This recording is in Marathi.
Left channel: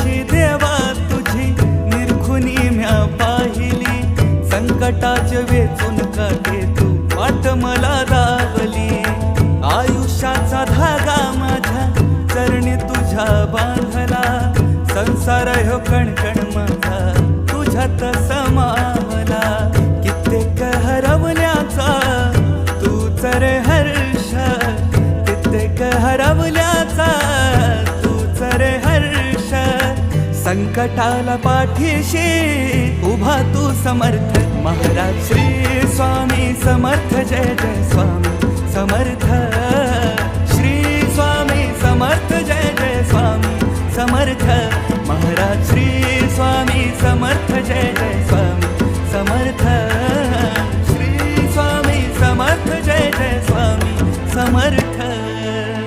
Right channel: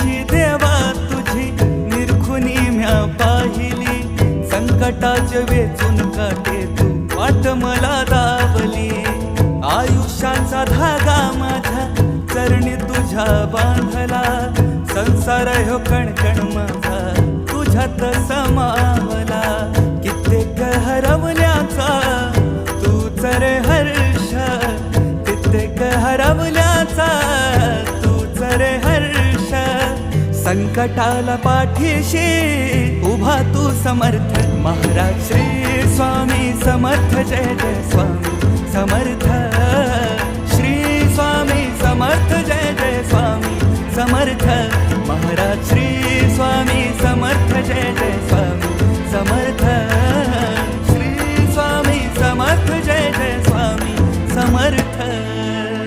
पाठीशी देवा तुझी निरखुनी म्या पाहिली, संकटाचे वेचून काटे तू वाट मला दावली. आयुष्याचा धागा माझ्या चरणी तुझ्या बांधला, संसार ह्यो कणकण माझा तुझ्यात समावला. कित्येक हरवल्याचा तूच रे हर्ष, कित्येक हरवल्याचा तूच रे हर्ष. संकटाला पाठीशी उभा तू समर्थ, महाराज श्री स्वामी समर्थ. जय जय स्वामी समर्थ, श्री स्वामी समर्थ. जय जय स्वामी समर्थ, महाराज श्री स्वामी समर्थ. जय जय स्वामी समर्थ, श्री स्वामी समर्थ. जय जय स्वामी समर्थ.